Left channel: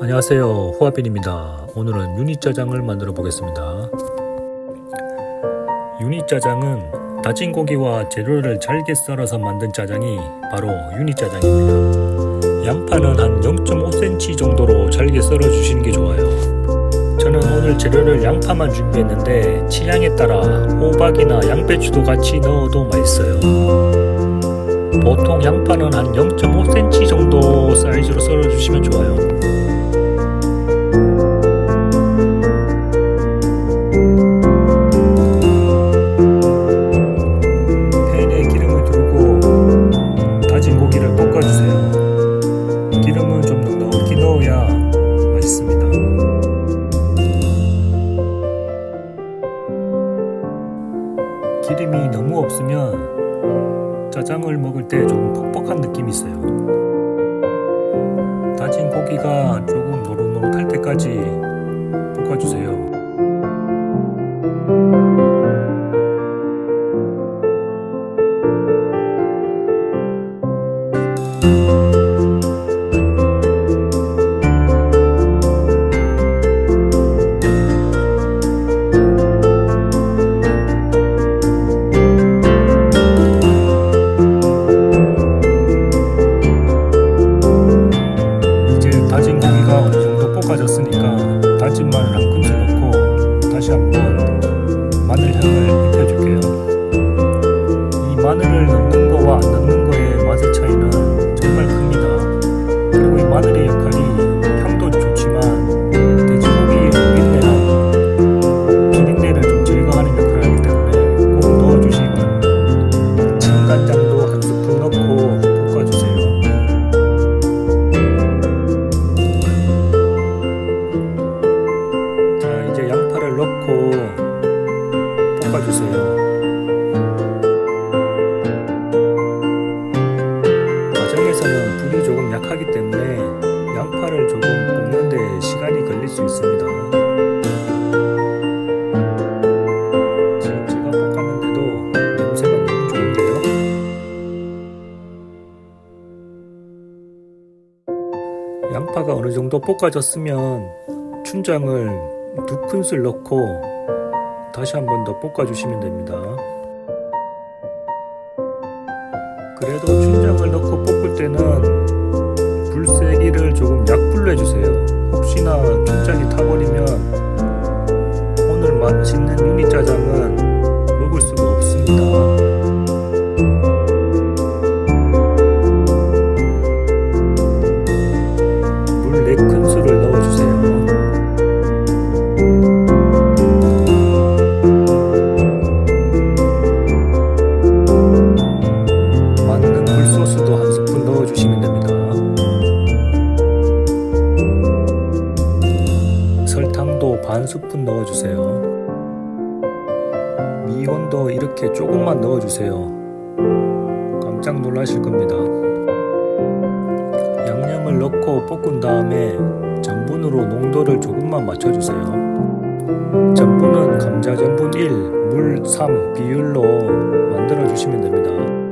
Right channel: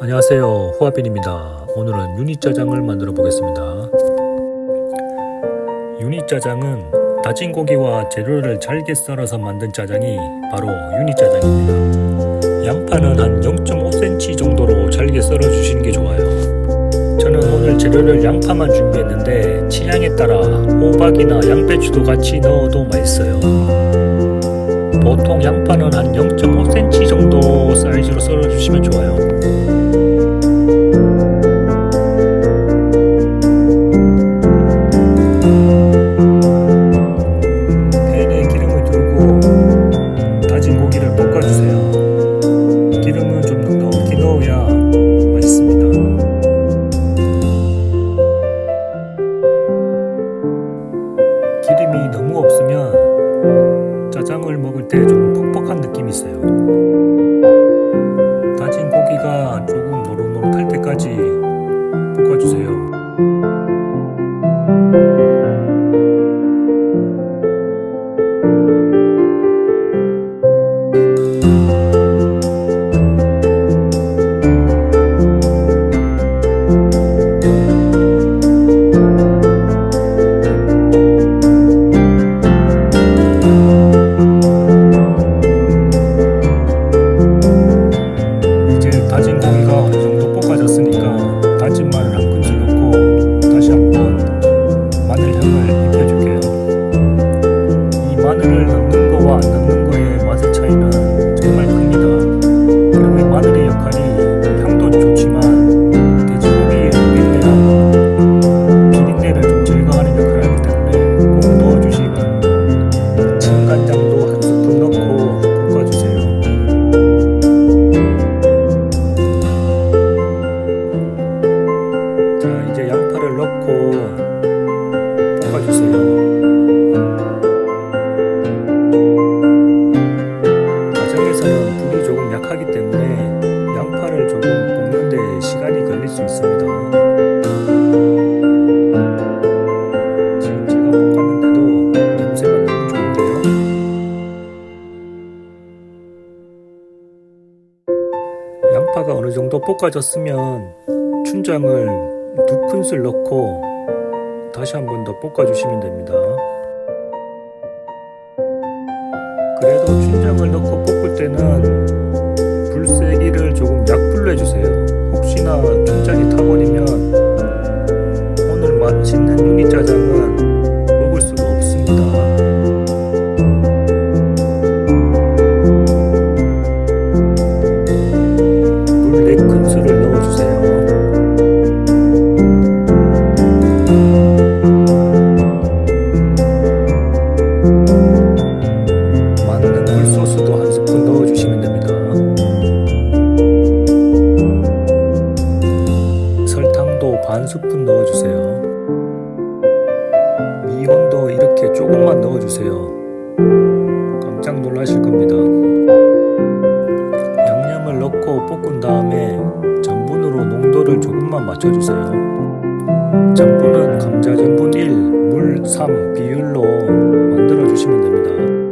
안녕하세요. 호아빈입니다. 오늘은 유니짜장을 만들어 보겠습니다. 유니짜장은 다진 고기와 재료를 잘게 썰어서 만든 짜장이 바로 유니짜장입니다. 양파는 한 0.5cm 정도로 잘게 썰어 주시는 게 좋아요. 저는 오늘 재료를 양파만 준비했는데 취향에 따라 호박이나 양배추도 같이 넣어도 맛있어요. 보통 양파는 한 0.5cm 정도 사이즈로 썰어 주시면 좋아요 다진 고기를 볶아주세요. 기름은 좀 넉넉히 넣어야 맛있습니다. 기름이 너무 없으면 짜장을 먹을 때 조금 퍽퍽한 느낌이 있어요. 다진 고기가 조금 노릇노릇할 때까지 볶아주세요. 마늘을 넣는 거와 안 넣는 거의 맛의 차이는 정말 큽니다. 그리고 이 마늘의 역할이 향도 좋지만 돼지고기의 누린내랑 비린내를 좀 제거하는 역할을 하기 때문에 꼭 넣어주시기 바랍니다. 진간장도 한 스푼 넣고 볶아주세요. 자 이제 양파를 넣고 볶아주세요 가정에서는 불이 조금 약하기 때문에 양파를 조금 볶는데 시간이 걸릴 수 있습니다 지금 제가 볶았는데도 냄새가 너무 좋은데요 양파가 어느 정도 볶아졌으면 춘장을 두 큰술 넣고 다시 한 번 더 볶아주시면 됩니다. 그래도 춘장을 넣고 볶을 때는 불 세기를 조금 약불로 해주세요. 혹시나 춘장이 타버리면 오늘 맛있는 유니짜장은 먹을 수가 없습니다. 물 4큰술을 넣어주세요. 반 스푼 넣어주세요. 미원도 이렇게 조금만 넣어주세요. 깜짝 놀라실 겁니다. 양념을 넣고 볶은 다음에 전분으로 농도를 조금만 맞춰주세요. 전분은 감자 전분 1, 물 3 비율로 만들어 주시면 됩니다.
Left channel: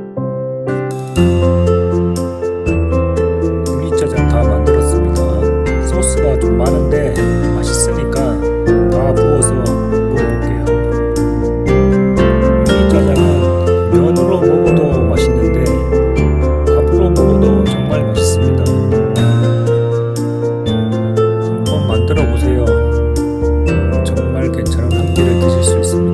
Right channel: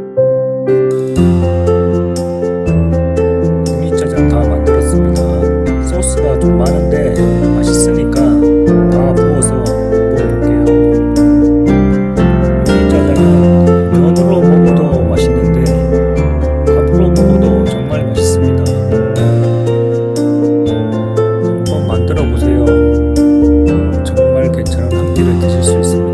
들어 보세요. 정말 괜찮은 한 끼를 드실 수 있습니다.